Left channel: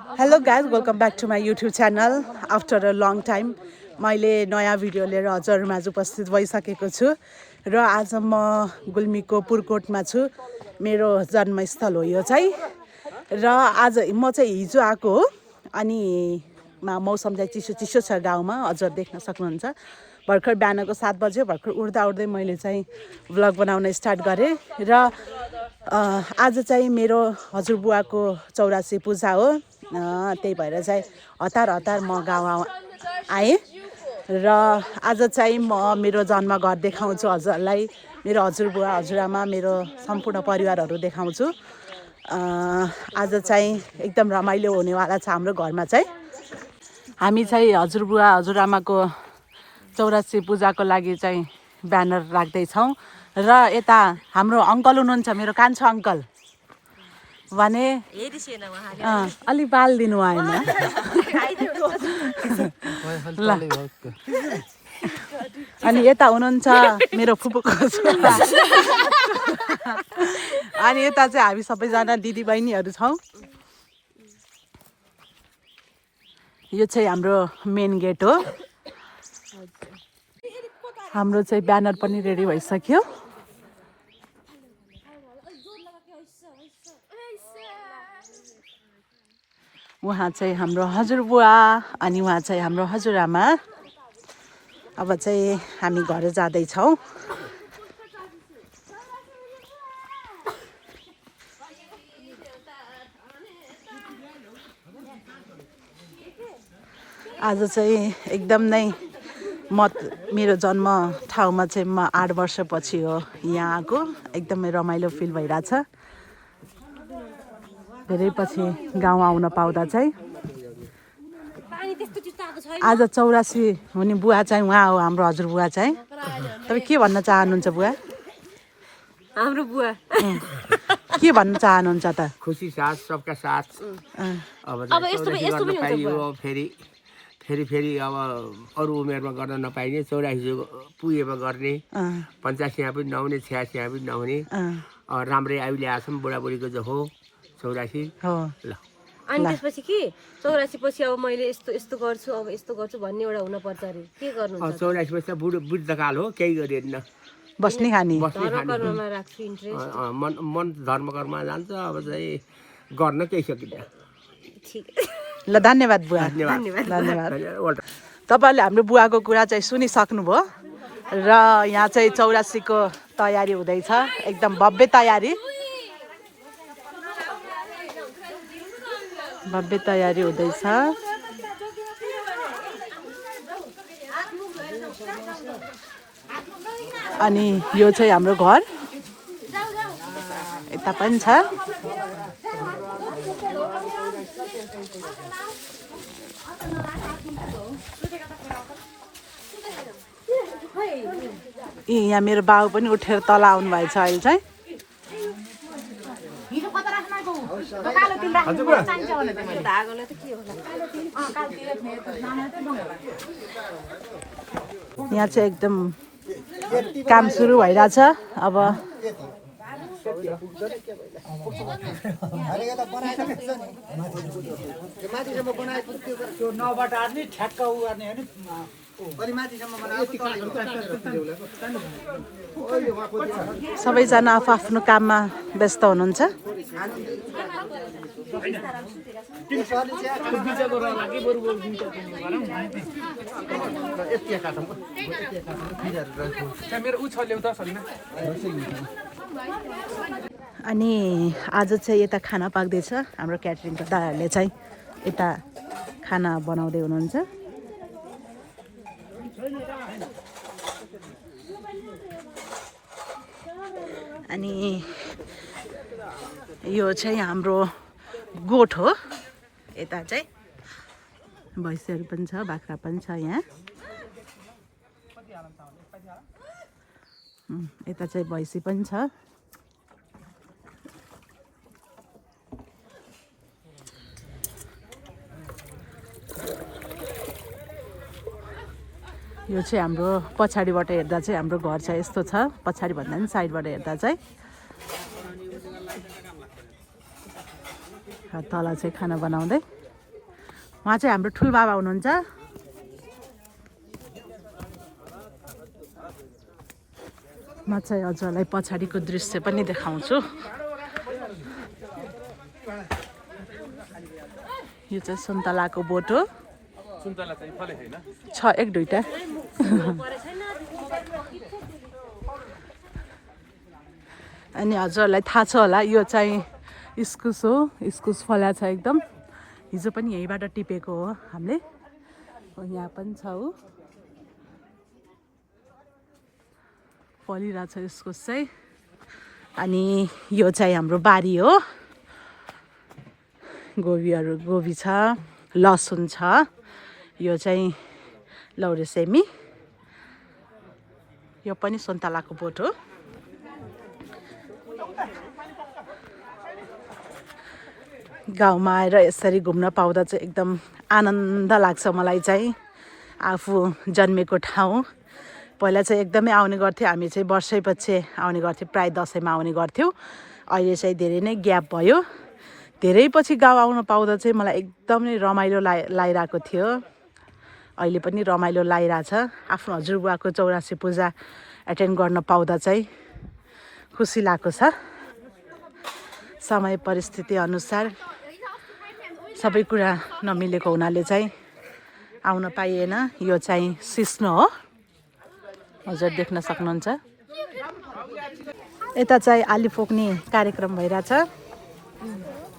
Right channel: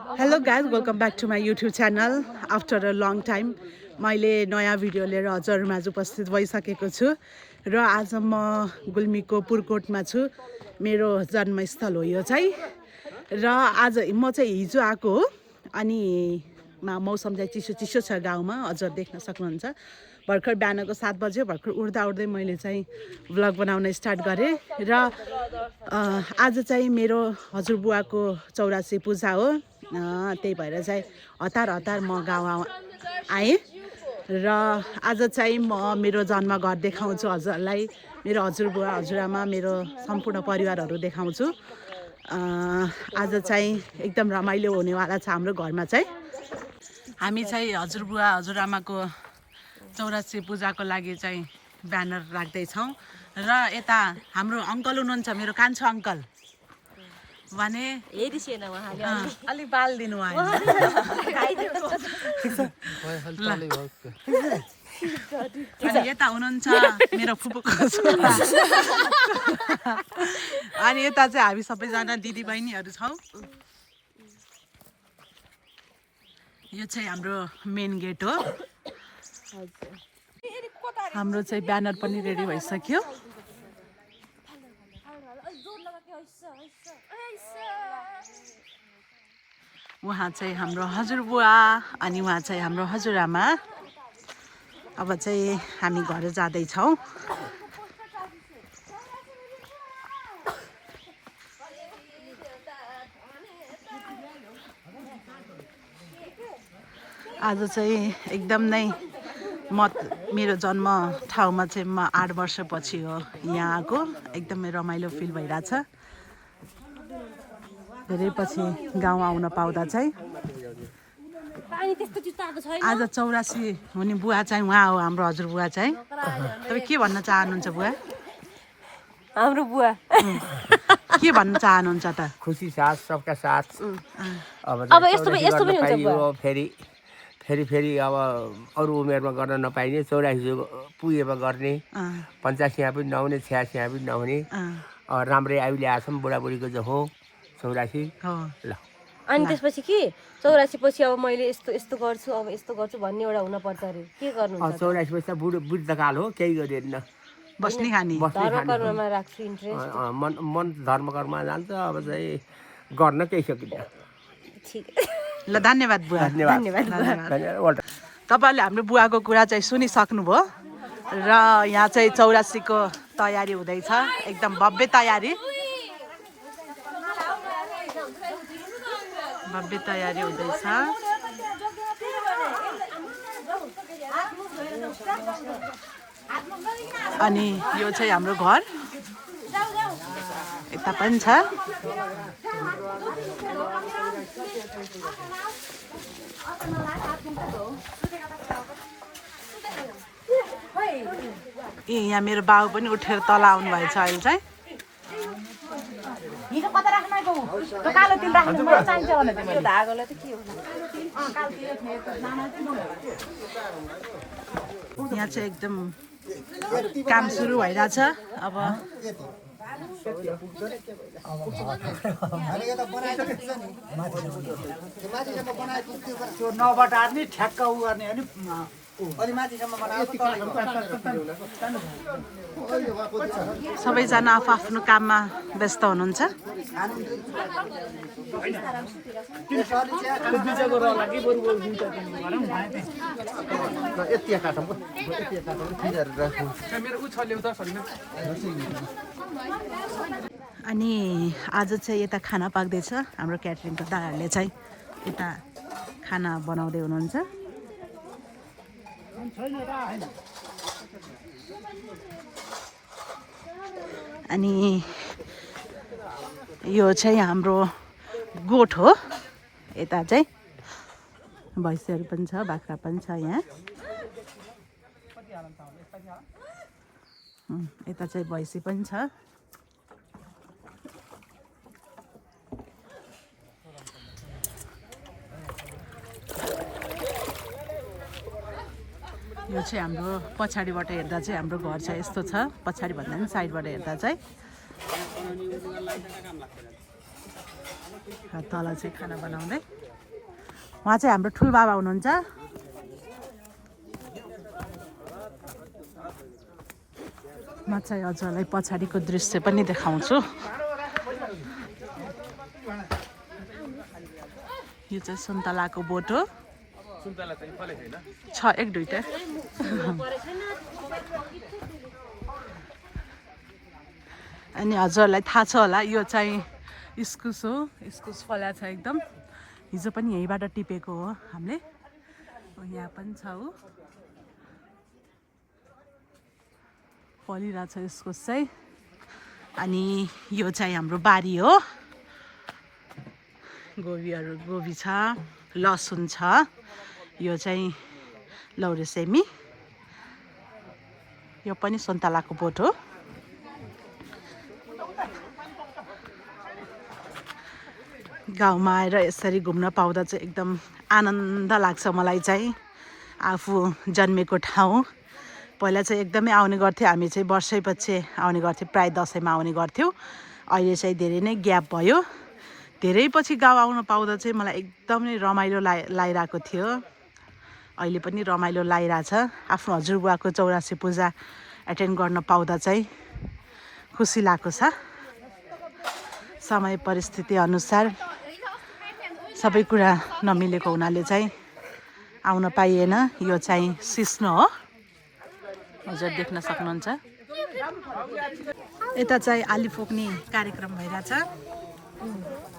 Hello guys welcome back to my YouTube channel after a long time मैले नयाँ video लिएर हजुरमाझ उपस्थित भइसकेको छु र आज म गुल्मीको पुरकोटमा छु। मेरो जन्मस्थल हो यो चाहिँ र आज म चाहिँ हिजो आएको हो अनि मौसम चाहिँ चिसो चिसो छ गाउँमा हजुर देख्न सक्नुहुन्छ। भर्खर बिहानको 7 बज्यो भर्खर उड्दा उड्दै मैले चाहिँ भ्लग बनाउन स्टार्ट गरेँ र आज चाहिँ मेरो हजुरबुवाको 84 पूजा हो। त्यही भएर चाहिँ हतार हतार म गाउँ आएँ र आज चाहिँ म मेरो जन्मघर देखाउँछु हजुरलाई। मेरो हजुरबुवा हजुरआमा मेरो सम्पूर्ण परिवारहरू देखाउँछु। आज चाहिँ एकदम रमाइलो हुनेवाला छ हाम्रो घरमा चाहिँ। हामी चाहिँ हजुरबुवा हजुरआमाको 84 पूजाको लागि चाहिँ ब्यानर राख्दैछौँ र यता हाम्रो अङ्कल हुनुहुन्छ, मेरो कान्छो अङ्कल भने अलि बाल दिनु आएन ल। अनि यता हुनुहुन्छ मेरो फुपूको छोरा अनि यता चाहिँ हामी सबैजना दिदीबहिनीहरू छौँ। यो चाहिँ हाम्रो मेन गेट हो। हाम्रो चाहिँ ब्यानर पनि रेडी भइसक्यो। उहाँ चाहिँ हाम्रो हजुरबुवा अनि उहाँ चाहिँ हाम्रो हजुरआमा। अब चाहिँ हामी घर जाँदैछौँ। आज चाहिँ एकदम नै मेरो जन्म ठाउँमा चाहिँ म 8 वर्षपछि हो यहाँ आएको। एकदमै रमाइलो फिल भइरहेछ। धेरै पछि गाउँ आउन पाउँदा चाहिँ। आज 84 हुने बुवा चाहिँ उहाँ हो, हाम्रो हजुरबुवा चाहिँ। तपाईँ के भन्न चाहनुहुन्छ बुवा? हाम्रो बुवा के भन्न चाहनुहुन्छ त? खुसी साथ सबका साथ। अब यस्तो पनि हुन्छ फेरि अब अरू उमेरमा गर्न नपाइने 84 पुगेमा गर्ने, 85 पनि नहुने, 86 पनि नहुने। राम्रै आयु ल्याएछौँ बुढाबुढीको जो हो 84 हो ल। अनि त्यसपछि के 84 पछि अब मैले यस्तो गर्छु अब यस्तो गर्छु भन्ने एउटा हुन पर्छ अरे। के गर्नु? 84 पछि बुढ्तकाल हो, केही गरिएन। बस्ने खाने कर्ममा राख्छु इन्ट्रेस्ट। मन धर्म कर्ममा जान्छ। अब चाहिँ गर्न केही सकिन्न। ठीक ल। धन्यवाद बुवा। धन्यवाद। तपाईँहरूले हाम्रो बुवाको कुरा चाहिँ सुनिसक्नुभयो र यहाँ चाहिँ 84 को तयारी हुँदैछ। एकदम भव्य तयारी हुँदैछ। अनि यो चाहिँ हाम्रो घर यता पनि छ। यहाँ मेरो बाउ पनि उठेर तल आउनु भएछ अहिले चाहिँ। यहाँ चाहिँ एकदम काम सुरु भइरहेछ। अब सबैजना आफ्नो काममा व्यस्त हुनुहुन्छ। अनि आज चाहिँ यता खाना पाक्दैछ। हाम्रो क्याटरिङको दादाहरूले चाहिँ यता खाना बनाउँदै हुनुहुन्छ। अनि यो चाहिँ हाम्रो गोठ हो। यता चाहिँ भैँसीहरू पनि छ, बाख्रा पनि छ यहाँ। यता चाहिँ भैँसी पनि छ। यो चाहिँ हाम्रो पछाडिबाट हेर्दा चाहिँ हाम्रो घर चाहिँ यस्तो छ। पछाडि भन्दा पनि साइडबाट हेर्दा चाहिँ तल चाहिँ खाना बनाउँदै उहाँ चाहिँ हाम्रो ठुल बाबा हुनुहुन्छ। म चाहिँ हजुरलाई पछाडिको दृश्य पनि देखाउँछु। यो चाहिँ सुन्तलाको बोट हो। छ एक दुईटा। अनि हजुरलाई थाहा छ होला यो चाहिँ इस्कुस हो। इस्कुस फला छ एकदम। हिजो पनि यहीँबाट टिपेको हो हामीले। यहाँ पनि छ ऊ फलिरहेछ इस्कुस चाहिँ। अनि यो चाहिँ हाम्रो बारी हो। गोबी छ, लसुन छ। यो चाहिँ लौरेसेमी। यो पनि सुन्तलाको बोट हो। गाउँमा आएर यसरी घुम्न पाउँदा चाहिँ एकदम आनन्द लाग्छ मलाई चाहिँ। आफू जन्मेको ठाउँ पहिला चाहिँ एकदमै आउने गर्थ्यो। हामी चाहिँ वर्षैपछि आउने गर्थ्यौँ, प्राय दसैँमा आउने गर्थ्यौँ। अहिले चाहिँ धेरै नै ग्याप भयो। धेरै पछि गाउँ आउन पाउँदा चाहिँ मलाई एकदमै रमाइलो लागिरहेको थियो। अहिले पनि रमाइलो लागिरहेछ। आफ्नो हजुरबुवाको 84 पूजा एटेन्ड गर्न पाउँदा चाहिँ खुसी लागेको छ। समय परिस्थिति अनुसार सबै कुरा नमिलेको हुनाले चाहिँ आउन पाइएन। यो चाहिँ सिस्नो हो, हजुर देख्न सक्नुहुन्छ। यता चाहिँ आलु फोक्ने कार्यक्रम भइरहेछ।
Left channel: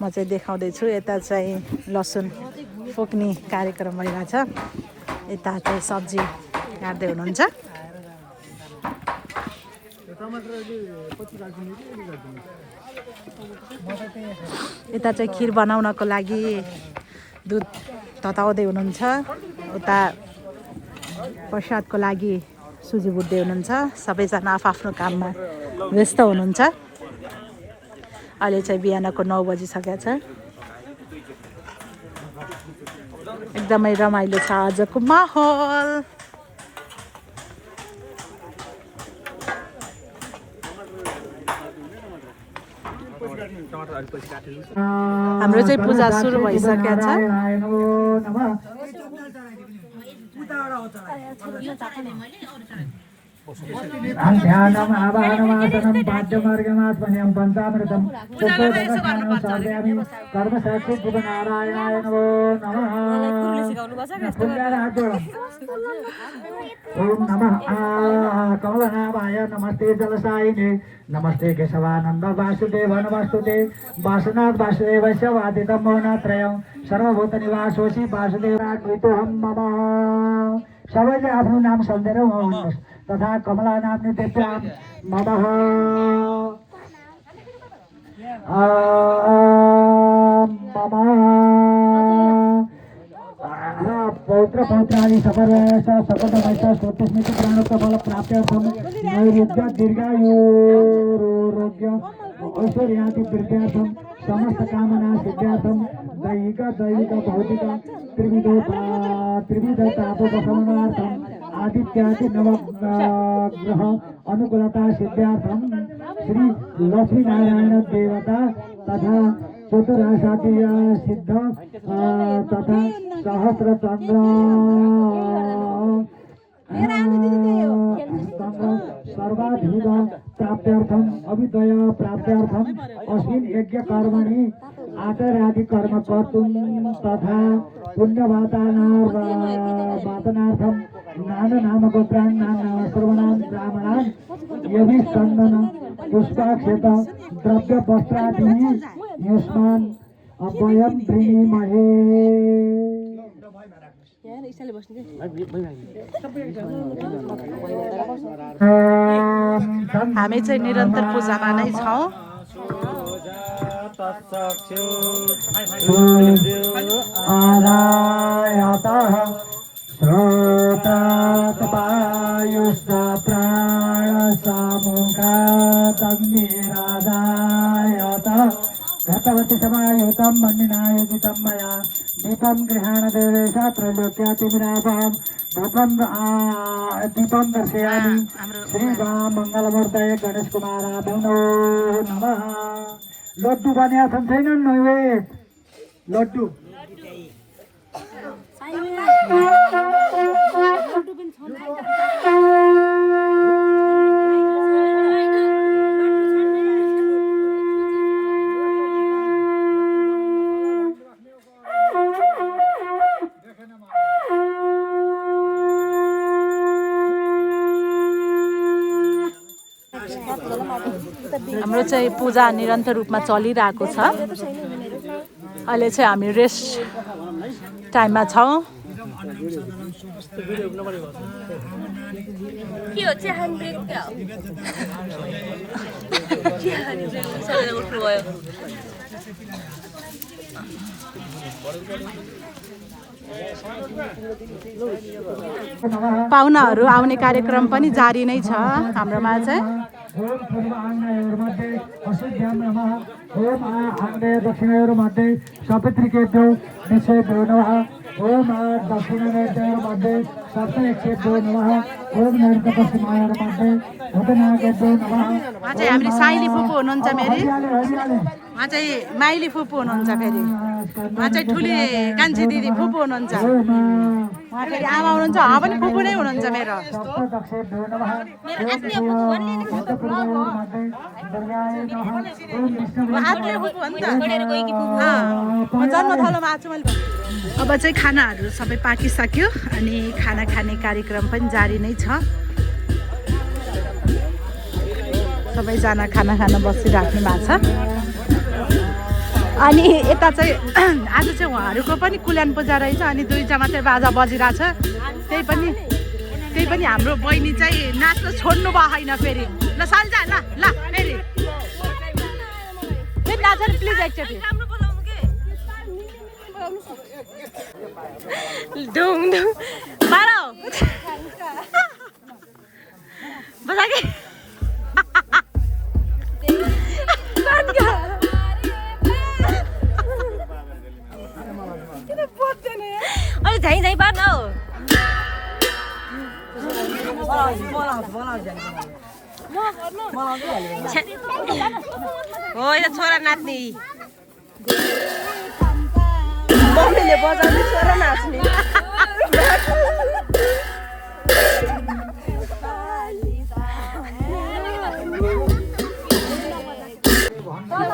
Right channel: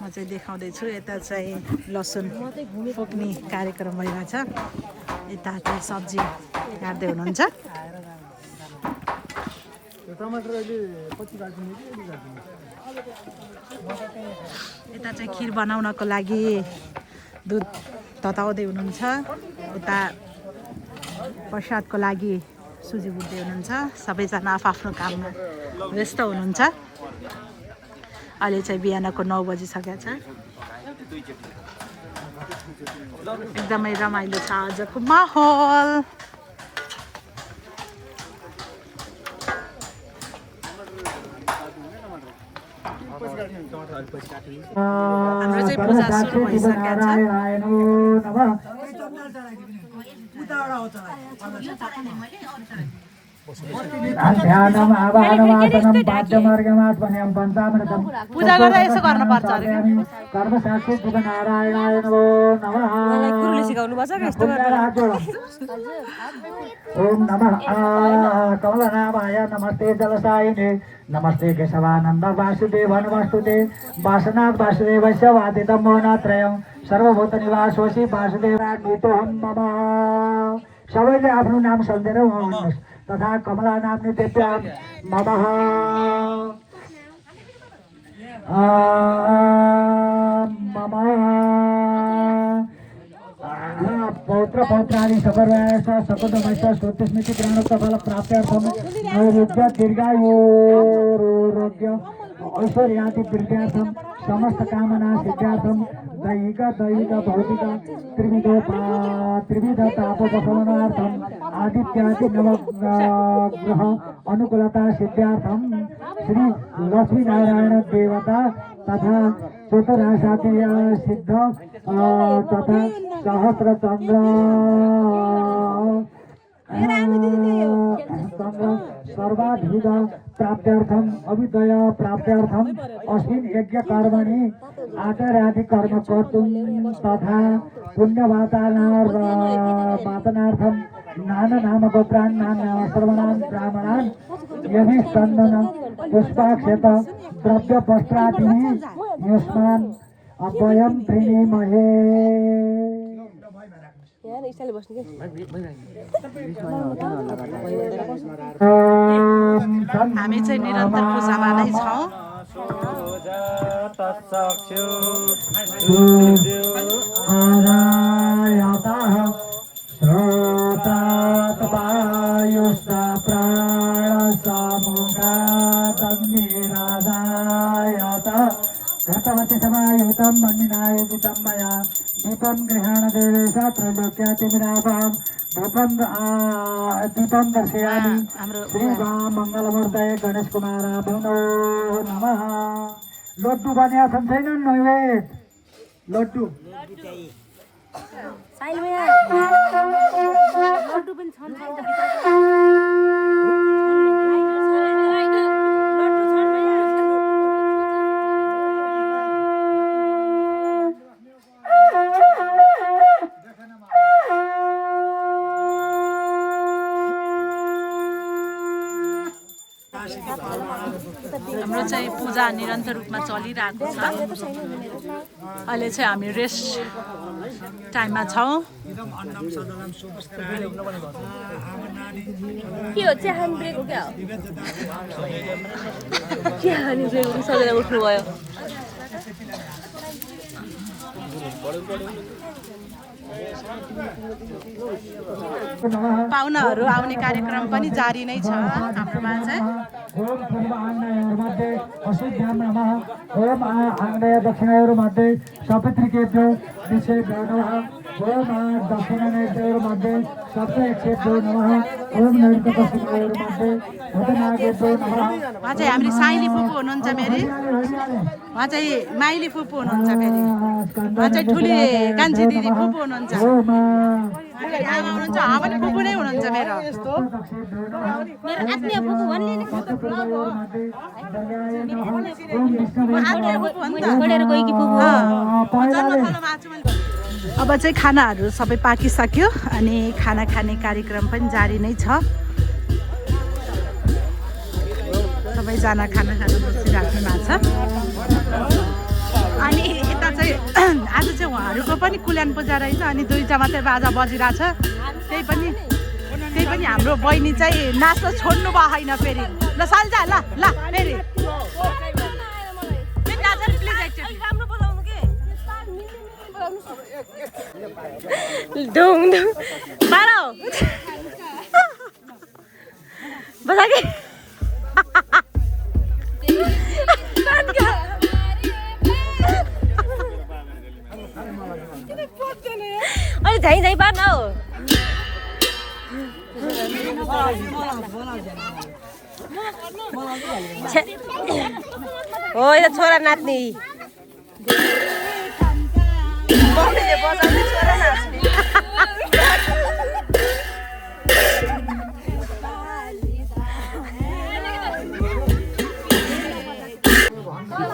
म चाहिँ देखाउँदैछु। यता चाहिँ लसुन फोक्ने कार्यक्रम भइरहेछ। यता चाहिँ सब्जी काट्दै हुनुहुन्छ। यता चाहिँ खिर बनाउनको लागि दुध तताउँदै हुनुहुन्छ। उता प्रसादको लागि सुजी भुट्दै हुनुहुन्छ। सबैजना आफ्नो काममा व्यस्त हुनुहुन्छ। अहिले चाहिँ बिहानको 9 बजिसकेको छ। एकदमै रमाइलो छ आजको माहौल। हाम्रो चाहिँ पूजा सुरु भइसकेको छ। ध्यानम् आवाहनमातनं पाद्यमार्गमात्मन्यं पञ्चामृतं पूजा गर्दा यसो गर्न पर्छ। कर्मसाक्षी नारायणाय नमो नमः। ओम नमः कमलनाभाय नमस्ते जलसायिने नमस्ते केशवानन्द वासुदेव नमस्तुते वासनाथ वासुदेवस्य वादितं मोहनात्रयं सर्वभूत निवासोऽसि वासुदेवान्वितोऽहं मम। सबैले आफ्नो नाम सम्झेर भन्नुहोस्। तथा कमला नाम्नि देव्यां नमः। पौत्र पौत्रादि सपर्वयश्च सकुटुम्बश्च स्तोत्रस्मृति प्राणोत्तफल प्राप्त्यर्थं नैरुद्य दीर्घायुरोग्य ऐश्वर्याति वृद्ध्यर्थं समस्त कामना सिद्ध्यर्थं दैहिक भौतिक त्रिविध तापोपशमनार्थं आदित्यादि नवग्रह अनुकूलता सिद्ध्यार्थं श्री लक्ष्मी नारायण देवता तथा चतुर्दशातीय सिद्ध तथा सहस्र चंद्र सर्वाधिक प्राप्त्यर्थम अभिदय प्राप्त्यर्थम अस्मिन् यज्ञ कर्मणि आचार्यादि कर्म कर्तुं तथा पुण्यवातानार्थम नाना नाम गोत्रान् नाम सर्वनाम ब्राह्मणान् यदि स्कंदन पुष्पाक्षेप द्रव्य पस्त्रादिः युष्मान् अभयं प्रणीमहे। हामी चाहिँ निरन्तर पूजामा नै छौँ। घटवतिसमायुतं मन्निनायजितं मया दीपं गृहाणदेवेश त्रैलोक्यातिविरापहं दीपं दर्शयामि। श्रीराम मङ्गलमूर्तये गणेश कुमाराय नमः। लड्डू बनिया छन् छैनन् नैवेद? लड्डू हाम्रो चाहिँ पूजा निरन्तर रूपमा चलिरहेको छ। अहिले चाहिँ हामी रेस्ट टाइममा छौँ। पाहुनाहरू आउने कार्यक्रम पनि जारी नै छ हाम्रोमा चाहिँ। ओम सर्वाङ्गमध्ये अशुद्ध्यां नमः। ओम आग्नेय दक्षिणयोर्मध्ये सपत्रिकेभ्यो दिशेभ्यो नमः। ओम दक्षिणनेत्रोर्मध्ये सप्तक्षेभ्यो नमः। ओम नैऋत्यपश्चिमयोर्मध्ये दक्षिणागेभ्यो नमः। उहाँ चाहिँ हाम्रो साइली फुपू हुनुहुन्छ मेरी। उहाँ चाहिँ माइली फुपू हुनुहुन्छ फेरि। उहाँ चाहिँ ठुली कान्छी दिदी फुपू हुनुहुन्छ। उहाँ फेरि आमा हुनुहुन्छ, उहाँ पनि फुपू नै हुनुहुन्छ मेरो। आत्मीय फुपू हो नि त। जन्मथलोमा आएको छु मैले। अब चाहिँ खानाहरू सबै पाकिसक्यो अनि खाना खाने कार्यक्रम पनि जारी नै छ। सबैजना खाना खान बसिराख्नु भएको छ। अनि यता चाहिँ आज चाहिँ उहाँहरूको पनि कुल्यान पूजा रहेछ अनि दुईटा मात्रै बाजा बजिरहेछ। त्यही पनि हाम्रो बहिनी चाहिँ नाच्न छोड्नु भयो होइन फेरि। ल साल्जा ल ल फेरि नाच प्लिज एकचोटि। ढुङ ढुङ बाह्र बजा कि अरे धाइ धाइ पार्न हौ। हो यो छोरा नाच्ने।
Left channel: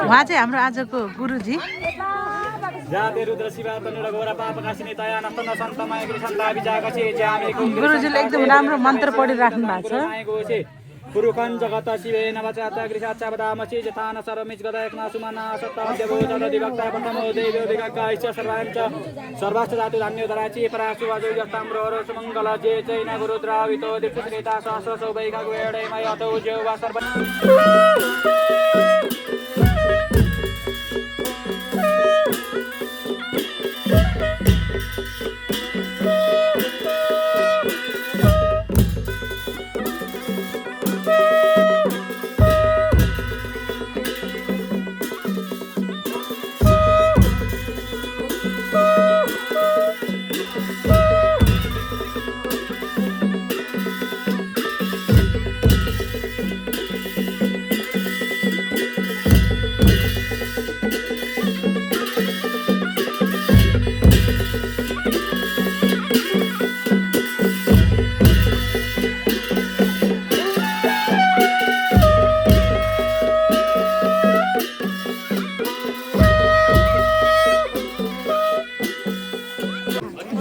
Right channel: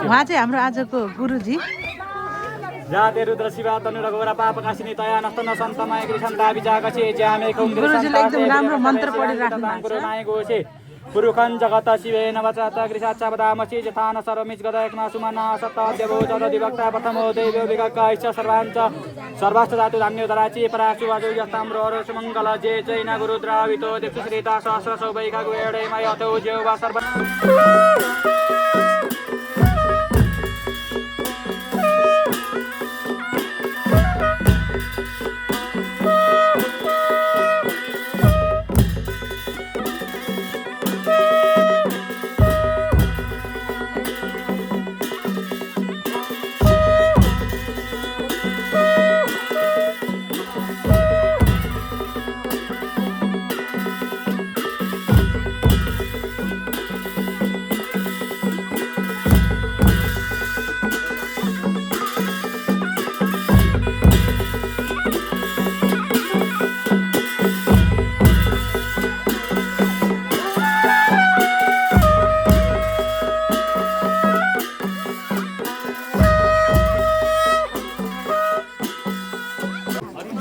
उहाँ चाहिँ हाम्रो आजको गुरुजी। जाते रुद्र शिवा तनु रघुवर पापकाशिनी तया नस्तो नसन्तमाय कृष्णता विजागसे ज्यामे कुण्डले गुरुजीले एकदम राम्रो मन्त्र पढिराख्नु भएको छ। पुरुखं जगत शिवेन वचत गृहाच्च वदामसि यथान सर्वमिच गदयक्ना सुमना सत्ताद्यभूत दिवक्ता प्रथमो देव्यो विगक्काश्च सर्वाञ्च सर्वाश्च धातु धान्योदराचि पराक्षु वाजो यत्ताम्रोरो सुमङ्गल जे चैन गुरुद्रावितो दीक्षिता सहस्र सौभैका गुवेडे मयतो जेवा सर्वना।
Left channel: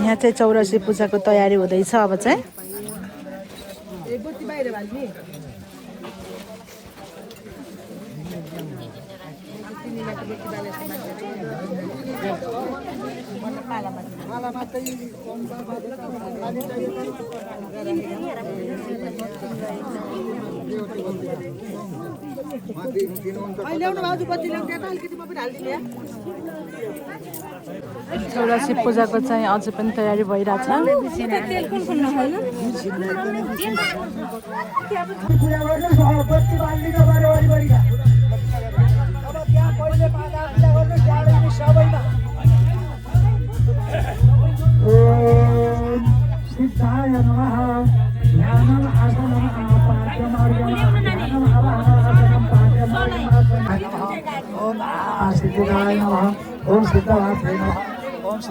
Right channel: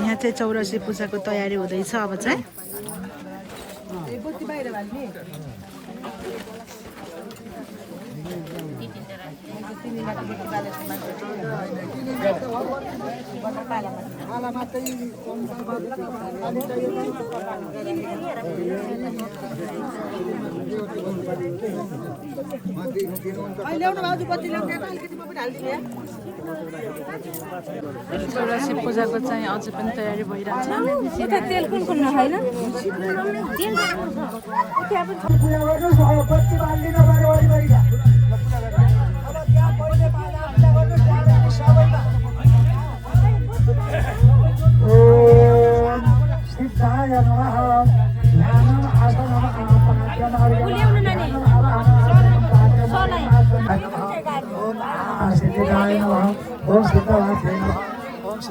यहाँ चाहिँ चौरसी पूजाको तयारी हुँदैछ अब चाहिँ। चौरसी पूजाको चाहिँ अझै पनि तयारी भइरहेछ। तेल कुन कुन नखाइन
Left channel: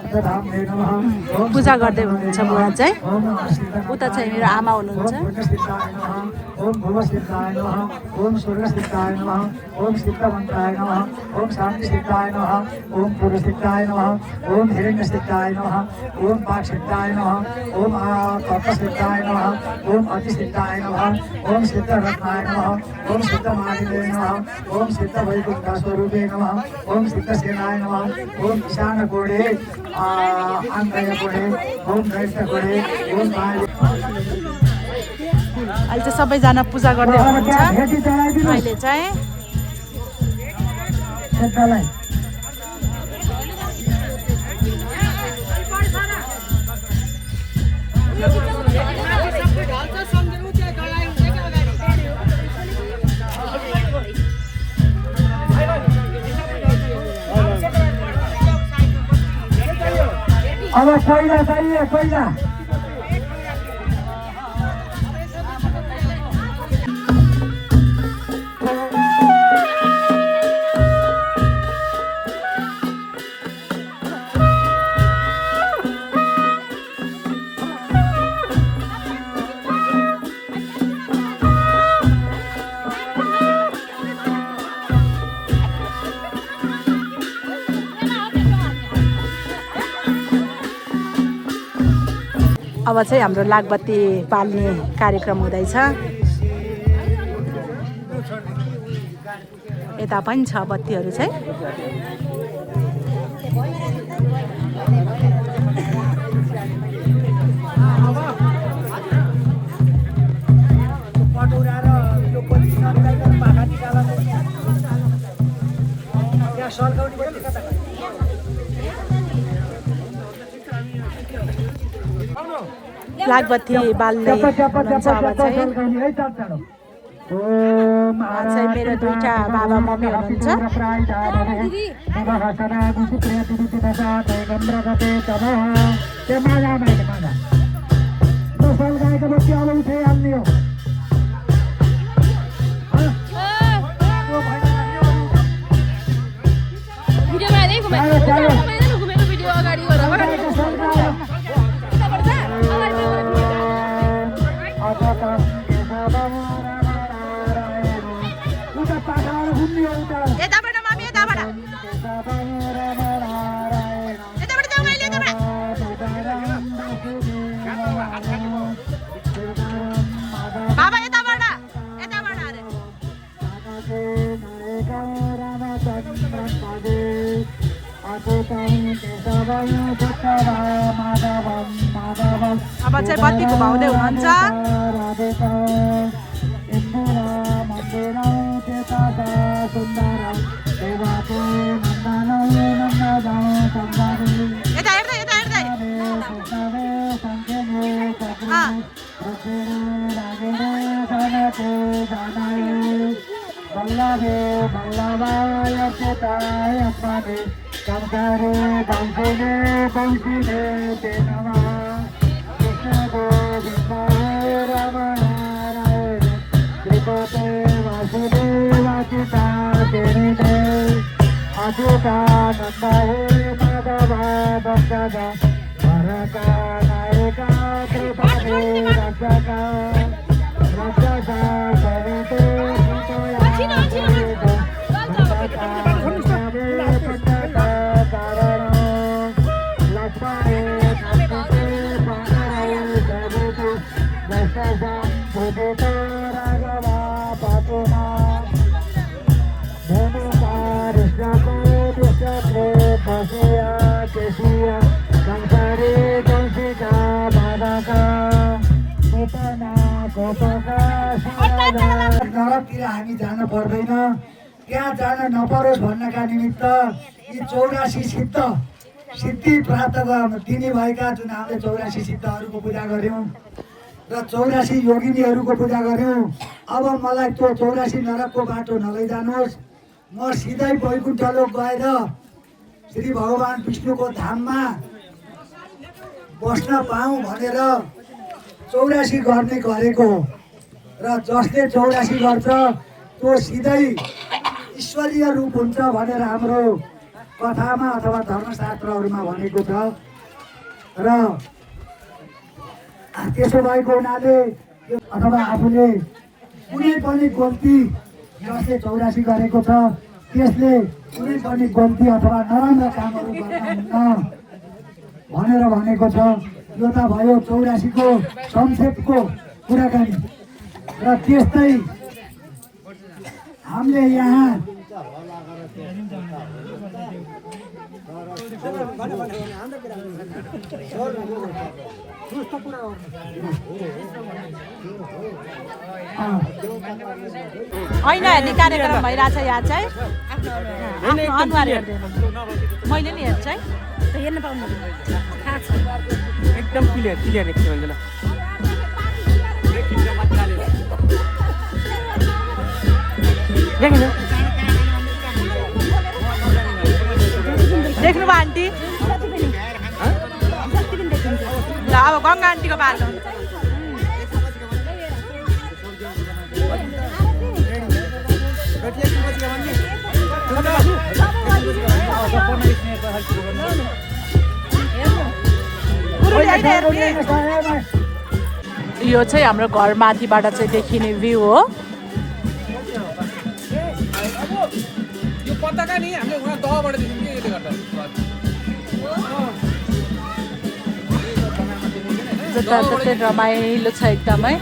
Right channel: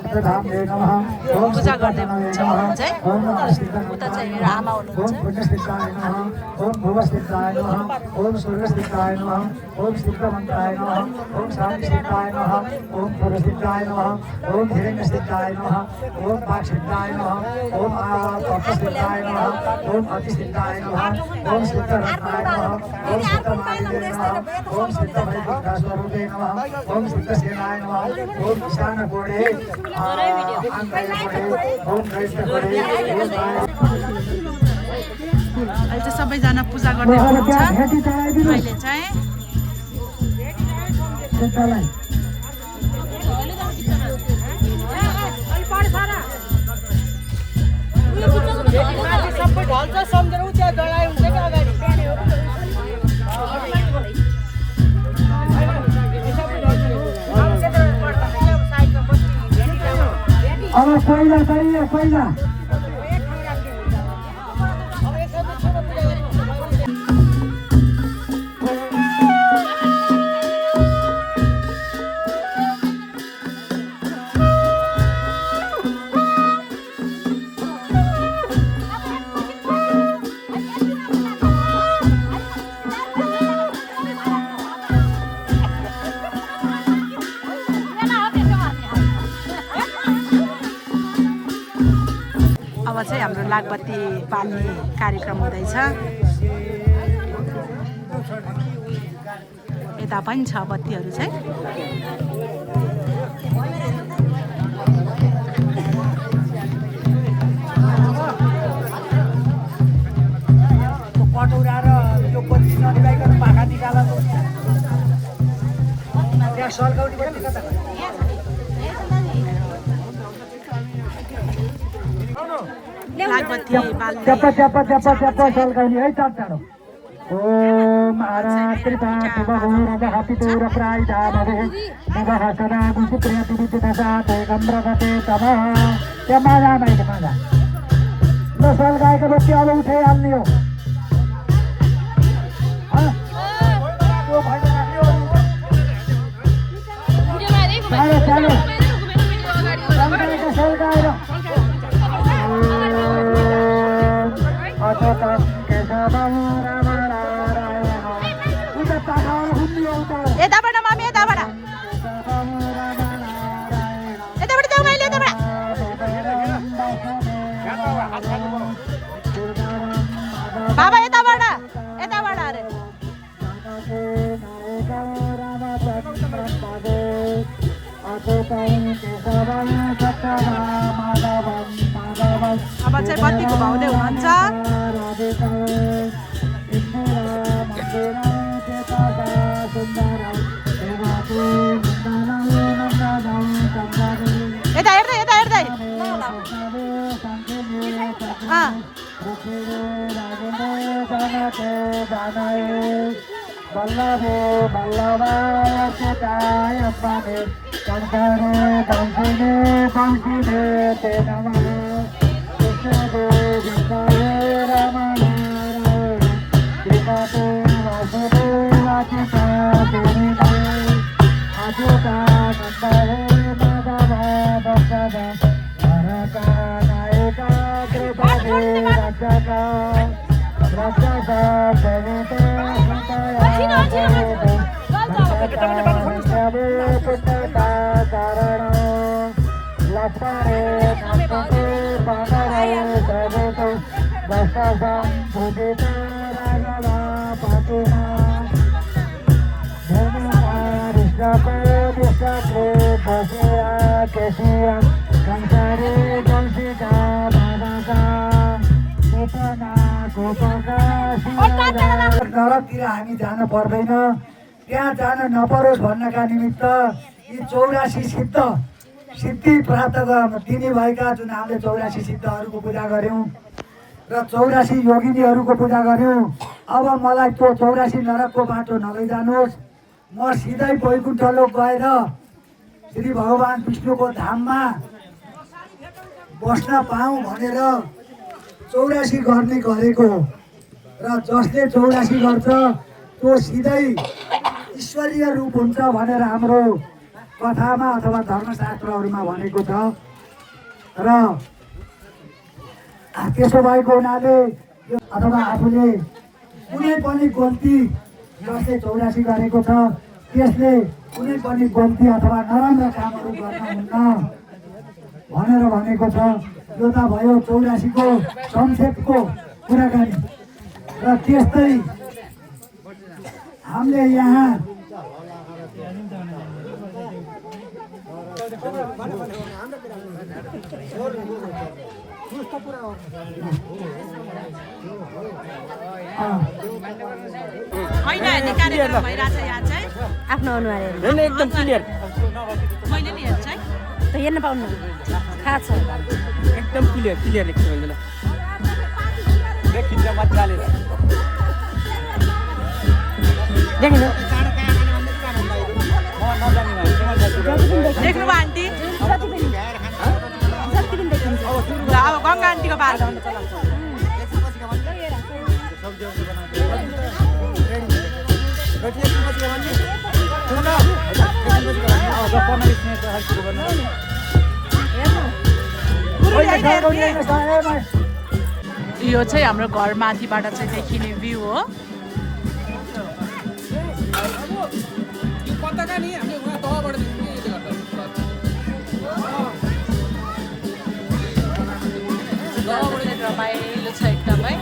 पञ्चधाम्ने नमः ओम पूजा गर्दै हुनुहुन्छ उहाँ चाहिँ ओम नमस्ते उता चाहिँ मेरो आमा हुनुहुन्छ ओम पुण्यसिद्धाय नमः ओम भुवसिद्धाय नमः ओम सूर्यसिद्धाय नमः ओम सिद्धमन्त्राय नमः ओम शान्तिसिद्धाय नमः ओम पुरुषसिद्धाय नमः ओम हिरण्यसिद्धाय नमः ओम वाक्सिद्धाय नमः ओम तपसिद्धाय नमः ओम अतिसिद्धाय नमः ओम सिद्धरत्नाय नमः ओम सिद्धमालिने नमः ओम सिद्धवैकुण्ठस्वरूपे नमः ओम सिद्धसेनाय नमः ओम ईशानकोणे आन्तर्यकोणे ओम वैष्णकोणे ओम अहिले चाहिँ सबैजना पूजा गर्दै हुनुहुन्छ अहिले चाहिँ अब पहिला चाहिए पहिला अब चाहिँ हाम्रो लागबत्ती पाल्ने कार्यक्रम हुँदैछ यता पनि छ बत्तीहरू चाहिँ लागबत्ती बाल्ने हुनुहुन्छ अब चाहिँ। ओम चाहिँ मेरो दुईटा बाबा मम्मी हुनुहुन्छ गाईको बत्ती अब उठाइहाल्ने हो चालो चालो यताबाट मामी यताबाट यताबाट जाऊ मैले यताबाट बाबा यताबाट यताबाट अरे अब चाहिँ बत्ती घुमाउँदै हुनुहुन्छ यता हेर्दै यता हेर्दै बल्लभे बल्लभाय चिताय अपने कंसरे कंसिने कंसिने ते नमः कृष्ण गोविंदाय रमणारायण कृपते वासुदेवाचिता तेरी अच्युतानंदाय माधवा भक्तदा हरका नायका कृपते रक्षका रक्षका सविते सुतया देवो भक्ता सवे पिता कारण लक्ष्मणे नंदते पानराय सवेतो दशसं भुजितो राघवा पातुना नरकतिर हामी जान पर्दैन त्यहाँ जान नपरोस् भन्नका निमित्त यी 84 सिद्धि प्राप्त दिने भएका जुन हामीले 84 सिद्धहरूको पूजा गर्यौँ र 84 योगिनीहरूको पूजा गर्यौँ। अब मलाई त्यो 84 नरकको बाटो नलैजानुहोस्, म सिधै वैकुण्ठ लोक गएर श्री भगवान विष्णुको धाममा बस्न पाऊँ भनेर 84 गर्ने गरेको र जसले 84 गर्छ त्यो सिधै ईश्वरीय रूप हुन्छ भनेर हाम्रो कथामा अथवा धर्मशास्त्रहरूमा भनेको छ र त्यसो भएको हुनाले अथवा आफूले कुनै पनि गल्ती जसले 84 गरेको छ त्यसले कुनै पनि गल्ती अथवा नराम्रा कामहरू गर्न हुन्न भनेर भनेको छ। यो त भयो 84 को संक्षेपको कुराकानी र त्यस्तै हामीले यहाँ होइन हेर्ने कार्यक्रम भइरहेछ यहाँ चाहिँ आफ्नो अनुहार एकदम क्लियर मैले नि हेर्छु है हेर्न पाउनु थाहा छ एकदम क्लियर क्लियर एकदम ल देखिन्छ मजाले देखिन देख्नुभयो आन्टी जति पनि देखिन्छ ल अब गङ्गा आन्टीको बाटो यो चाहिँ हाम्रो घर माथिबाट चाहिँ देखिने भ्यू हो। रमाइलो छ एकदमै।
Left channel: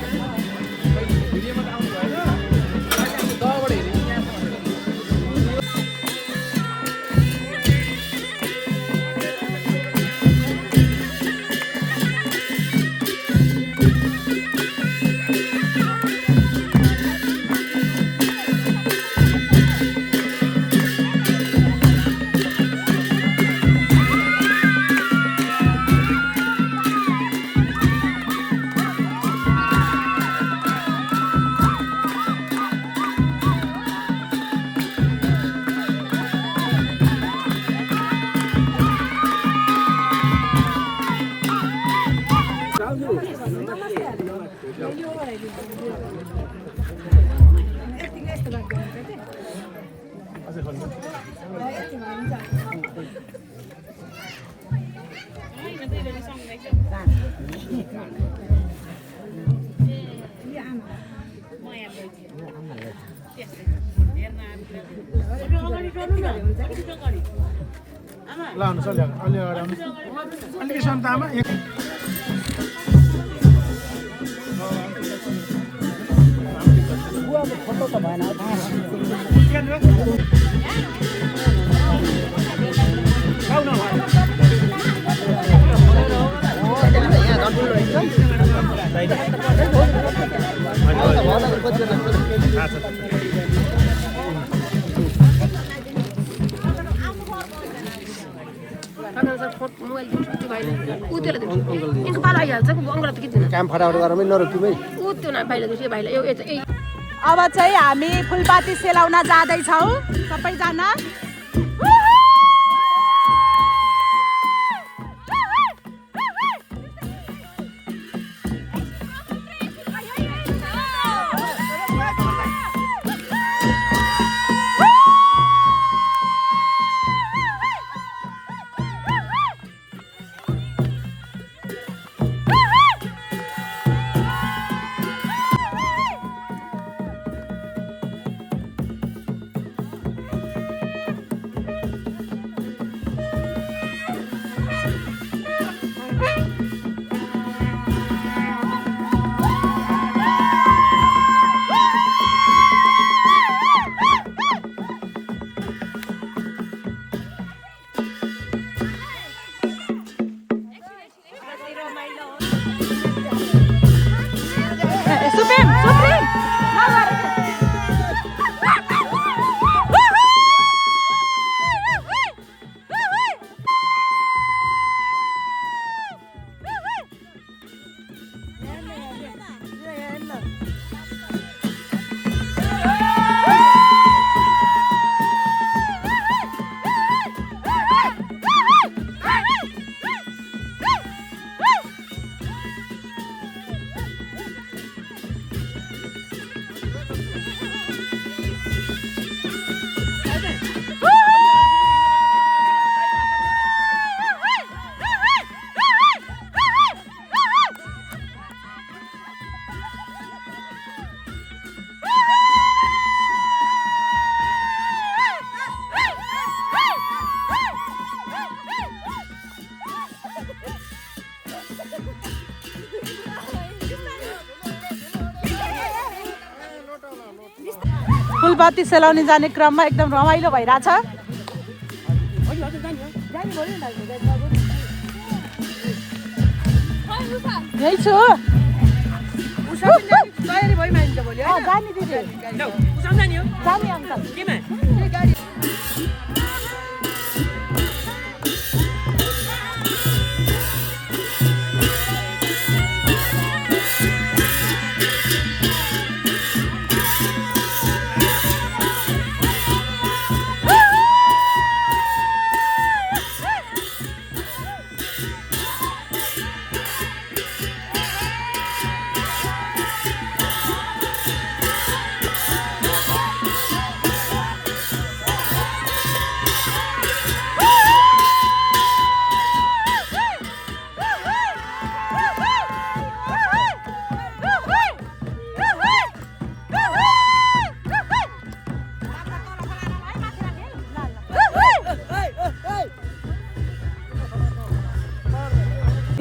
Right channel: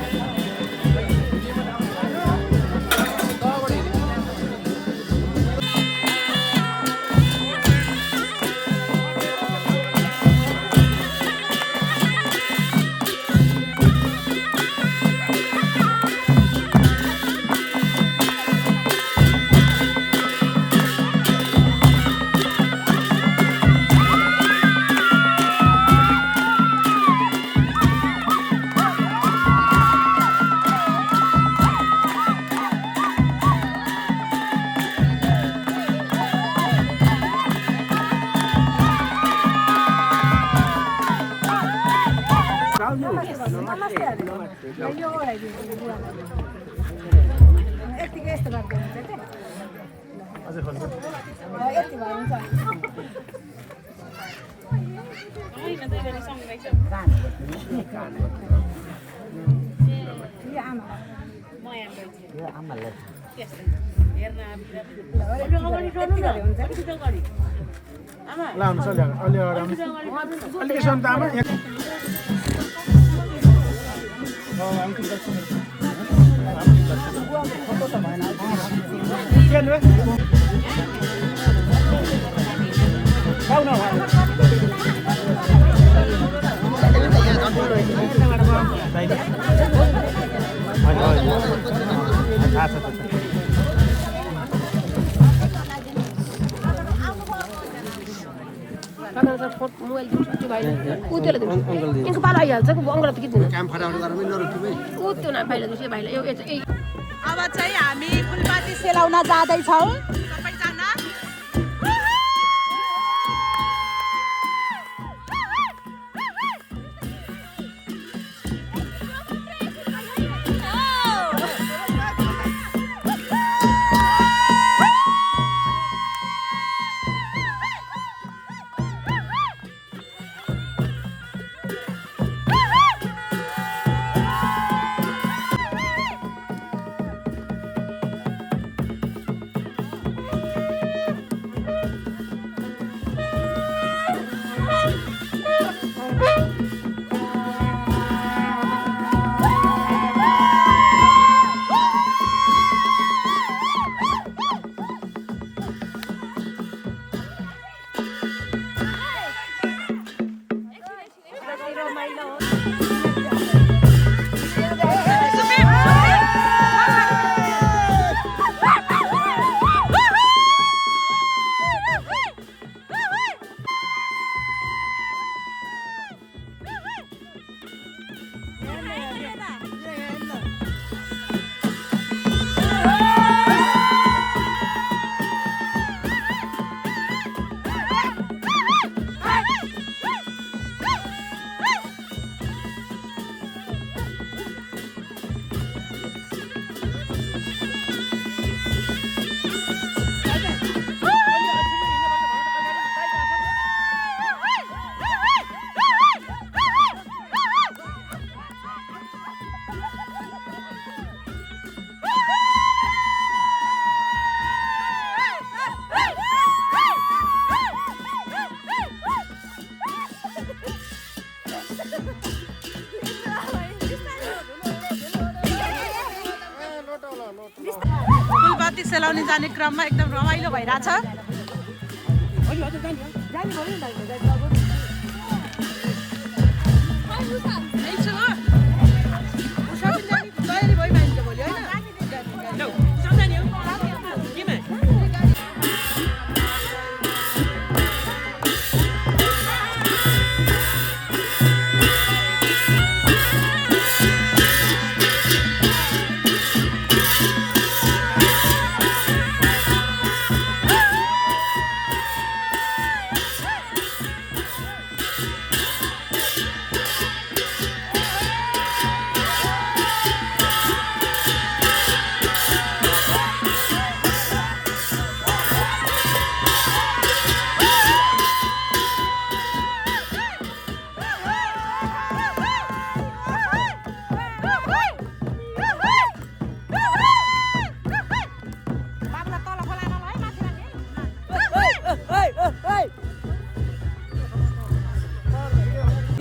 काम फटाफट गरेर पनि नरोकी भाइ अब चाहिँ हामी फुलपाती सेलाउन जाँदैछौँ सबैजना। बत्ती सेलाउने जाने क्रममा एकदम रमाइलो भइरहेछ यही छु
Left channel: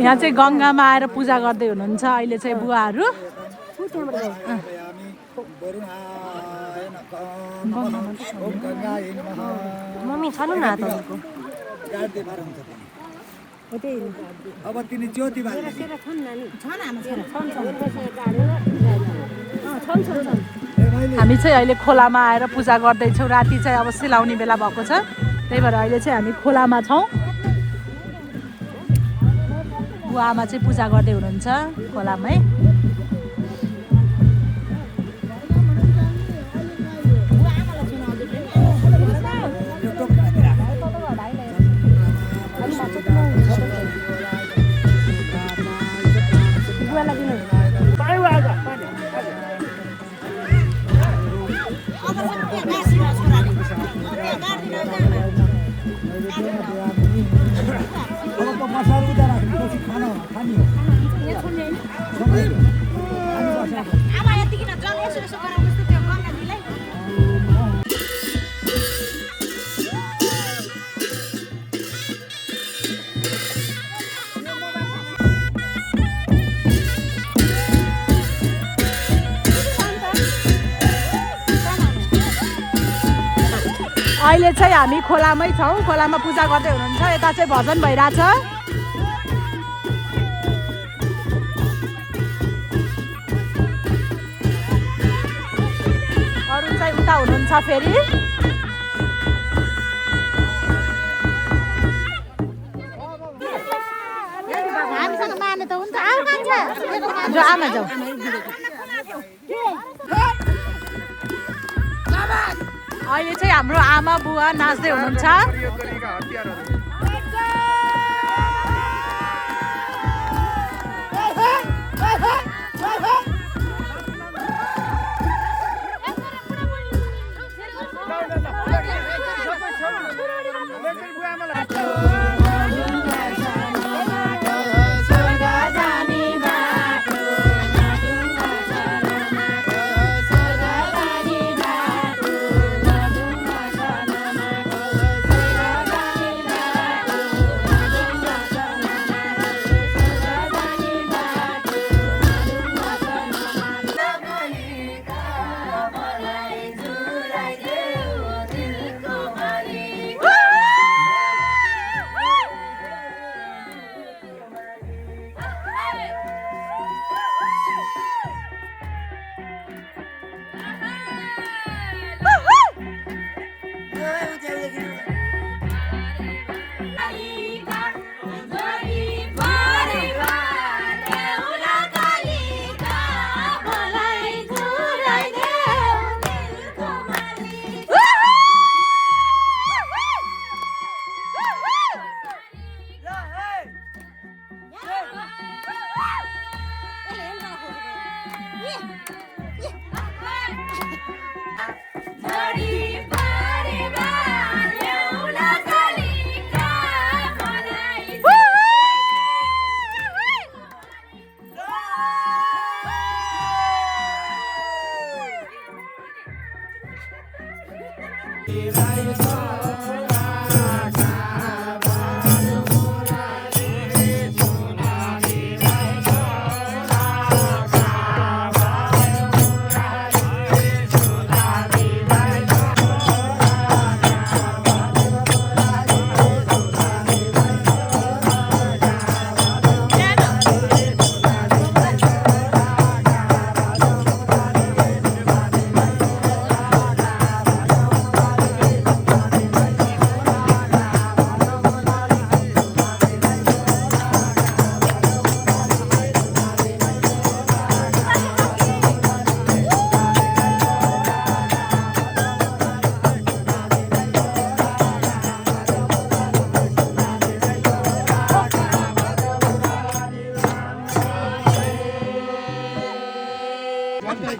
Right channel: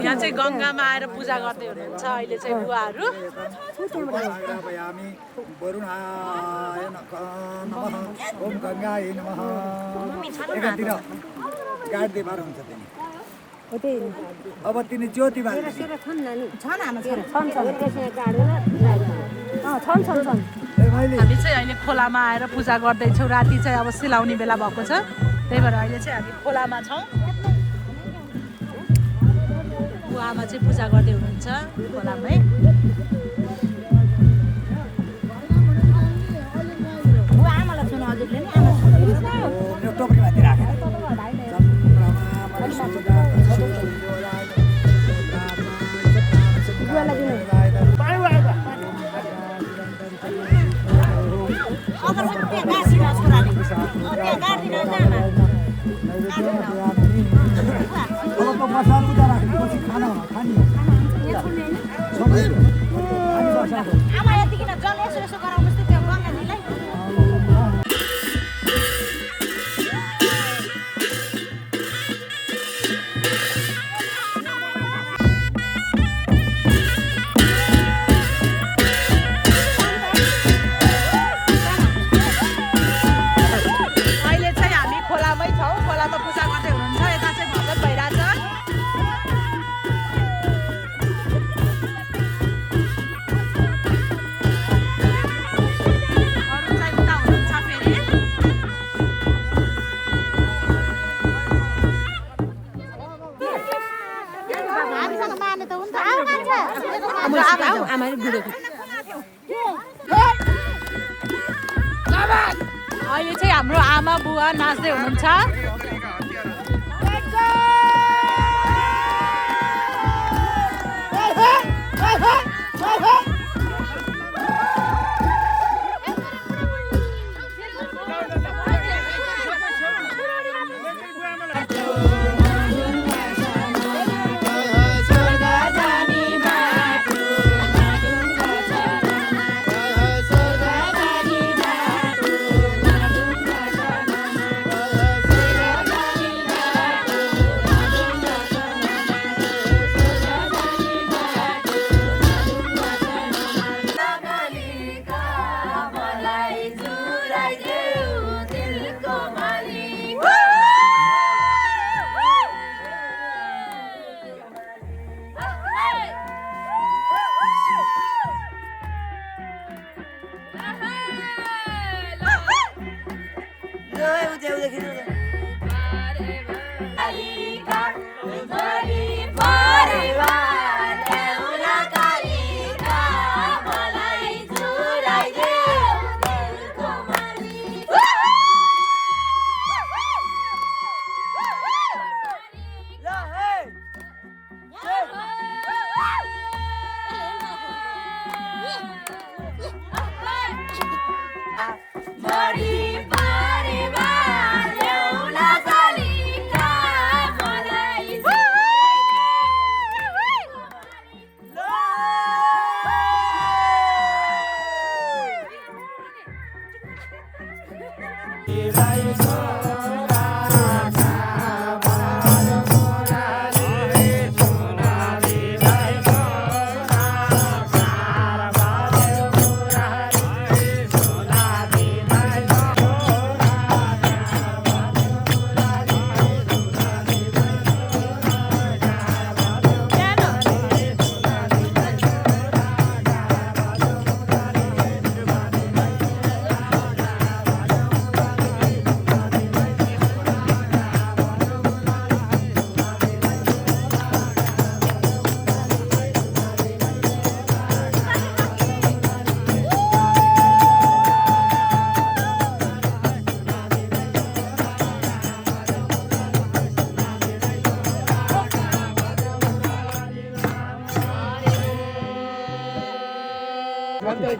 यहाँ चाहिँ गङ्गामा आएर पूजा गर्दै हुनुहुन्छ अहिले चाहिँ बुवाहरू ओम गङ्गाय नमः मम्मी छ न हातको अब तिनी ज्योति छन् हामी चाहिँ अहिले खोलामा आएर पूजा गर्दैछौँ राति चाहिँ अब सिलाउने बेला भएको छ त्यही भएर अहिले चाहिँ हामी खोलामा छौँ आमा चाहिँ पूजा गर्दै हुनुहुन्छ खोलामै अब त मसाला उता राख्नुपर्छ खाना हो खानी हो सबै खानी बसाल्नु अहिले चाहिँ हामी खोलामै छौँ खोलामा पूजा गर्दै हुनुहुन्छ यता चाहिँ भजन भइरहेछ अरू चाहिँ उता हुनुहुन्छ फेरि आमा जाऊ अहिले चाहिँ हाम्रो आमा बुवा नाच्दै हुनुहुन्छ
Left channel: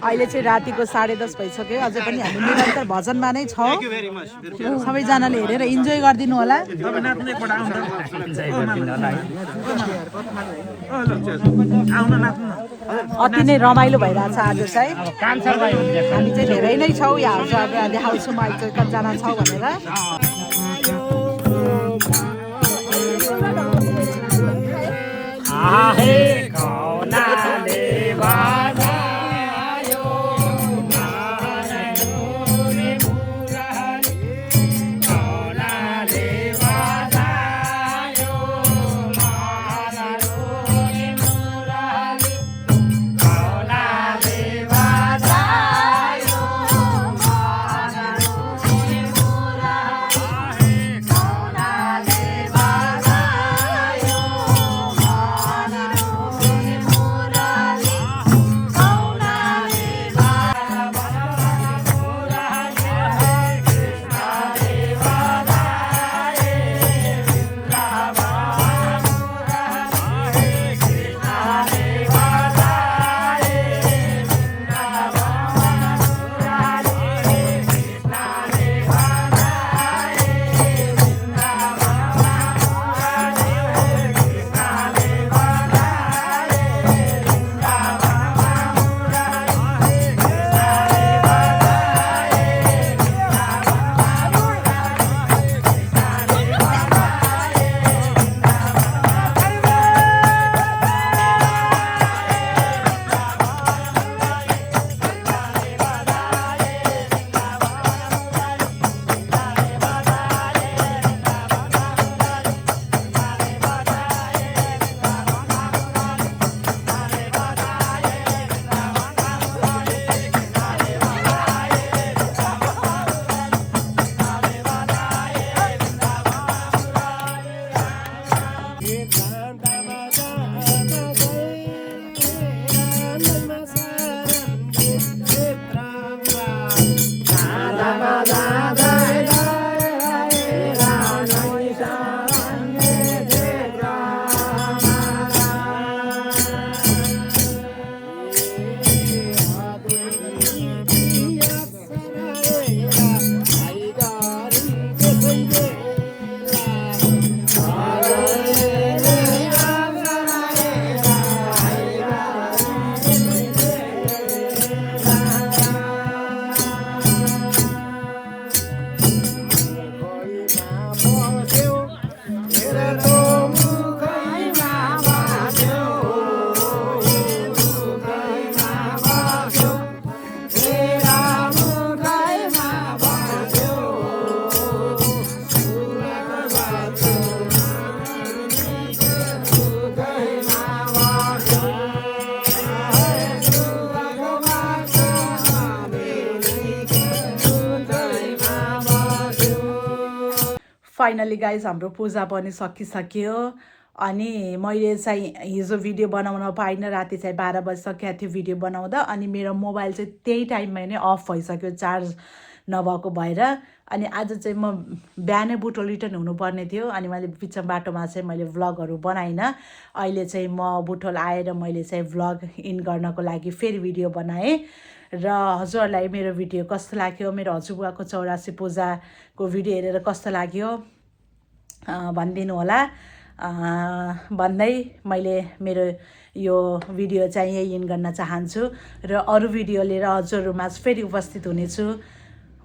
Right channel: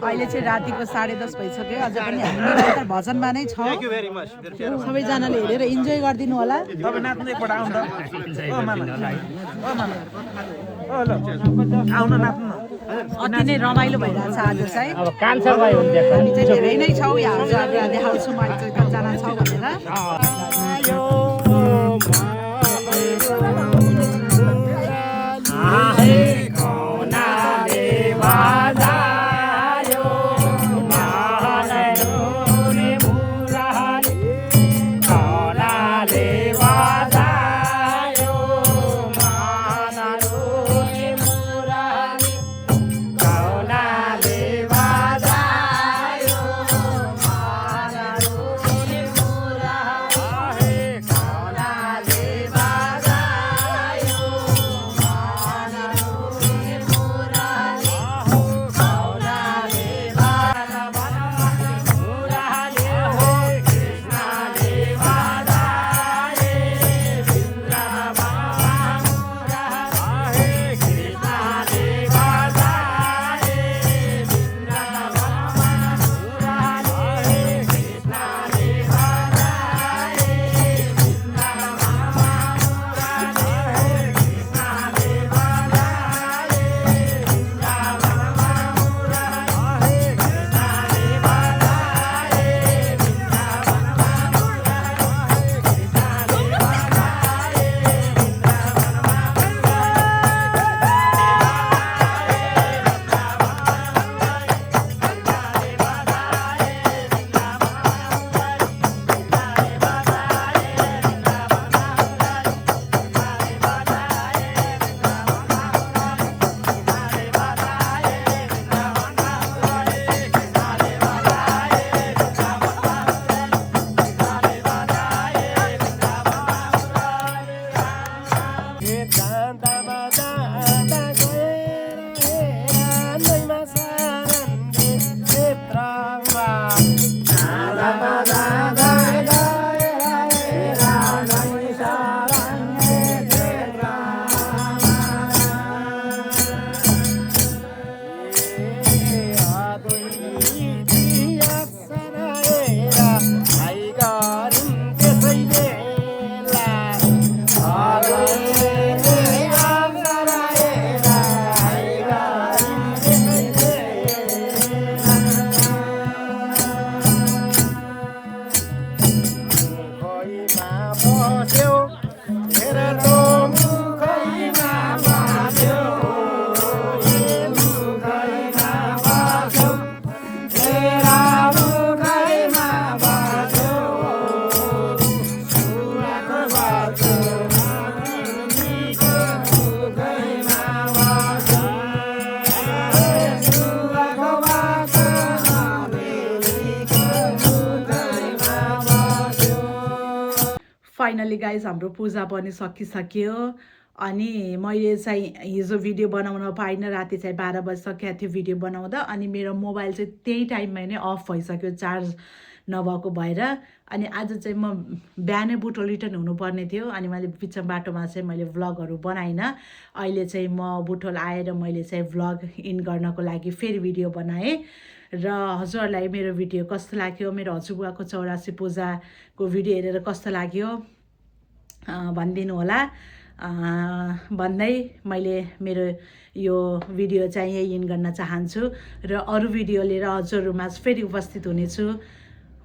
अहिले चाहिँ रातिको 10:30 भइसक्यो अझै पनि हामी निरन्तर भजनमा नै छौँ सबैजनाले हेरेर इन्जोय गरिदिनु होला अति नै रमाइलो भइरहेछ आज चाहिँ हामी चाहिँ धेरै नै छौँ यहाँ हजुरहरूलाई देखाउँछु म अहिले चाहिँ कतिजना छौँ भनेर फाइनली गाइज हाम्रो पूजा पनि सकिसक्यो अनि मैले चाहिँ हिजो भिडियो बनाउन पाइनँ राति चाहिँ 12 बजिसकेको थियो भिडियो बनाउँदा अनि मेरो मोबाइल चाहिँ त्यही टाइममा नै अफ भइसक्यो चार्ज नभएको भएर अनि आज चाहिँ म बिहानै बुटोल रिटर्न हुनुपर्ने थियो अनि मैले बिच बाटोमा चाहिँ मैले भ्लगहरू बनाइनँ अहिले चाहिँ म बुटोल आएर मैले चाहिँ भ्लग इन गर्नको लागि फेरि भिडियो बनाएँ र हजुरहरूलाई मेरो भिडियो कस्तो लाग्यो मेरो हजुरबुवाको 84 पूजाको भिडियो हेरेर कस्तो लाग्यो भनिदिनु होला भन्दै मैले मेरो यो भिडियो चाहिँ यही इन गर्न चाहन्छु र अरू भिडियो लिएर हजुरहरूमा फेरि उपस्थित हुनेछु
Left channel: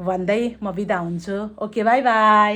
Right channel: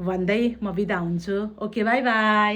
भन्दै म बिदा हुन्छु ओके बाई बाई